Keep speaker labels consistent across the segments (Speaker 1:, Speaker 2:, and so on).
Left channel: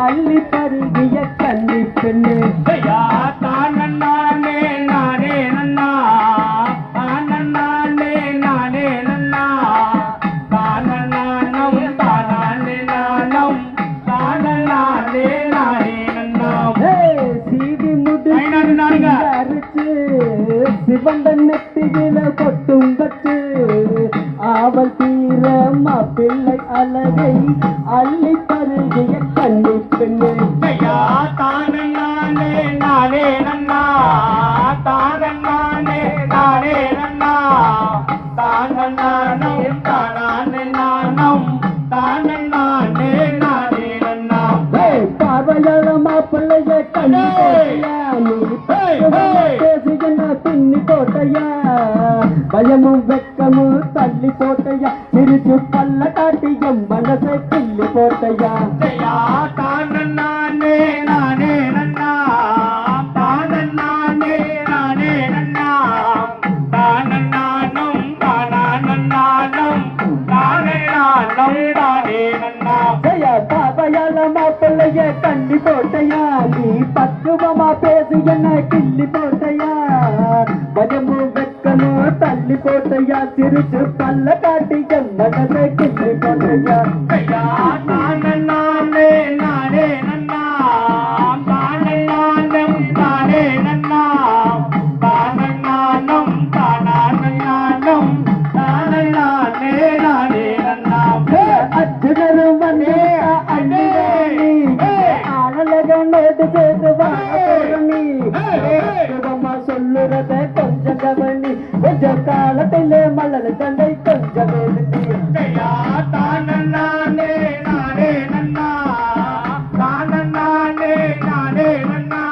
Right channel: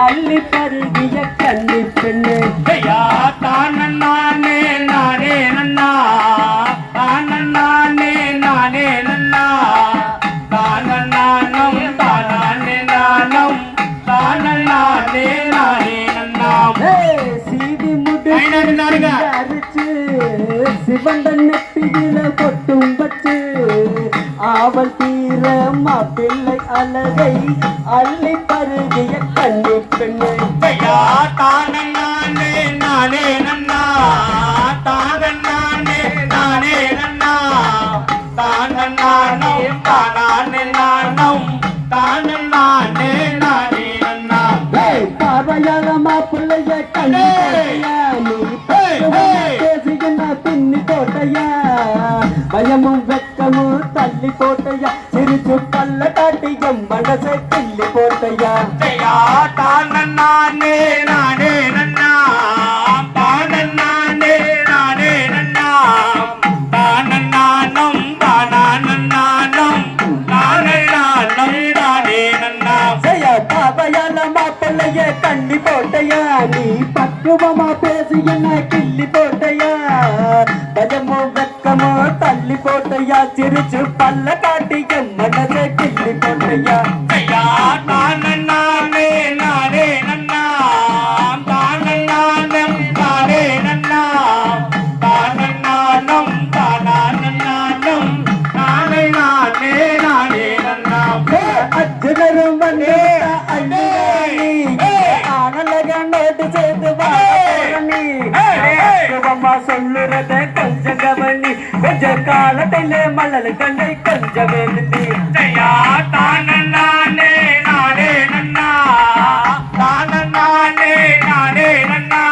Speaker 1: அள்ளி பருகிய கன்னி பெண்ணு. சிவந்த நெத்தியில கொட்டும் ஆவல் தீர மாப்பிள்ளை அழகை அள்ளி பருகிய கன்னி பெண்ணு மாப்பிள்ளைய கண்ணி நீ. பேசுகின்ற பின்னி போட்டையா பயமும் வெக்கமும் தள்ளி போட்டையா சிரிச்சு பல்ல காட்டி என் மனசை கிள்ளி போட்டையா
Speaker 2: நானே நானே நன்னா நானே நானே நன்னா நானும் தானே நானும் நானே நானும் நானே நன்னா
Speaker 1: செய்ய பார்வையால மாப்பிள்ளைய கண்ணி போட்டையா நீ பக்குவமா பேசி என்ன கிள்ளி போட்டையா பயமும் வெக்கமும் தள்ளி போட்டையா? சிரிச்சு பல்ல காட்டி என் மனசை கிள்ளி போட்டையா அர்ஜுனரும் வந்து அண்ணி ஆனலகண்டோடு சேர்ந்து வாழி அம்மா சொல்லுறத கொஞ்சம் கவனி. கொஞ்ச காலத்திலே மலர் கண்டை கொஞ்சம் எழுதி.
Speaker 2: நானே நானே நன்னா நானே நானே நன்னா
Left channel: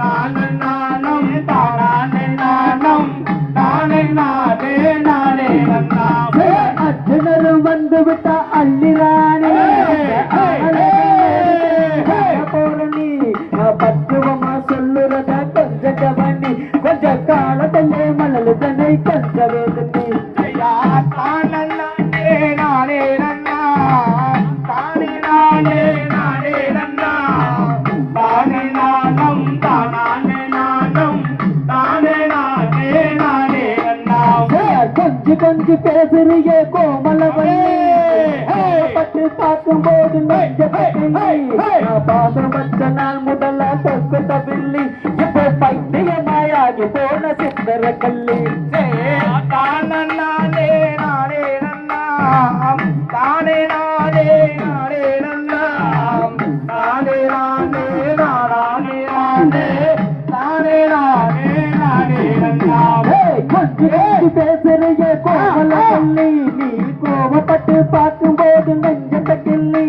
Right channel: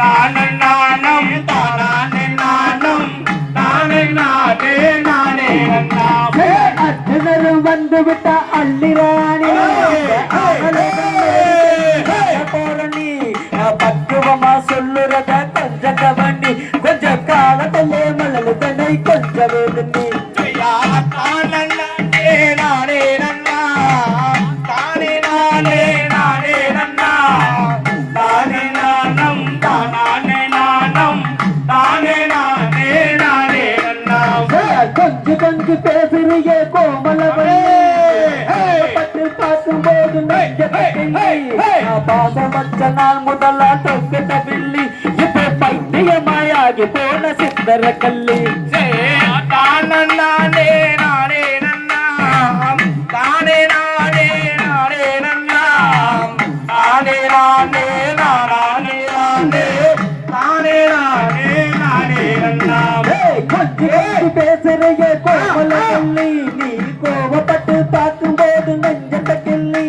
Speaker 2: தானே நானும் தானே நானும். தானே நானே நானே நன்னா
Speaker 1: அர்ஜுனரும் வந்து விட்டா அள்ளிராணி போரணி. பக்குவமா சொல்லுறத கவனி கொஞ்ச காலத்திலே மலர் கண்டை கொஞ்சம் எழுதி
Speaker 2: ஐயா தானே நானே நானே நன்னா. தானே நானே நானே நன்னா. தானே நானும் தானே நானும். தானே நானே நானே நன்னா.
Speaker 1: கொஞ்சு கொஞ்சு பேசுறிய கோமலவன் பட்டு பார்க்கும் போது பாசம் வச்ச நாள் முதலா தொக்குட்ட பில்லி இப்ப பைத்தியமாயாகி போன சித்தர கல்லி.
Speaker 2: நானே நானே நன்னா தானே நானே நானே நன்னா தானே நானே நானே நானே. தானே நானே நானே நன்னா
Speaker 1: கொஞ்சு கொஞ்சு பேசுறிய கோமலவல்லி நீ கோவப்பட்டு பார்க்கும் போது நெஞ்சத்த கிள்ளி.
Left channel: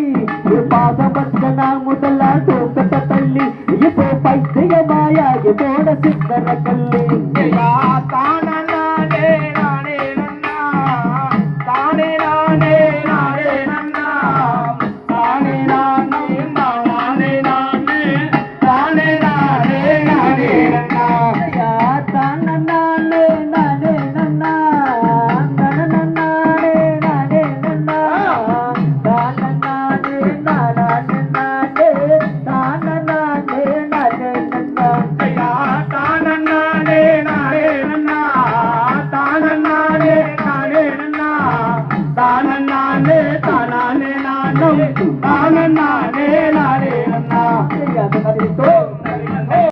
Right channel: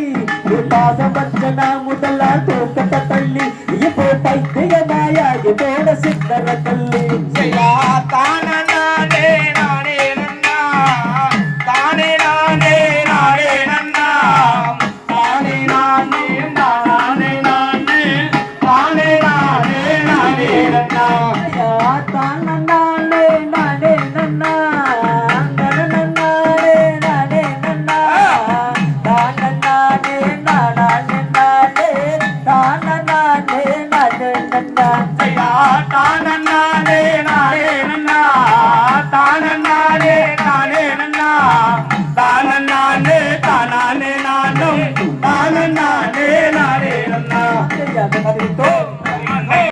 Speaker 1: பாசம் நாள் முதலா தொக்குட்ட தள்ளி. இப்போ பைத்தியமாயாகி போன சித்தர
Speaker 2: தானே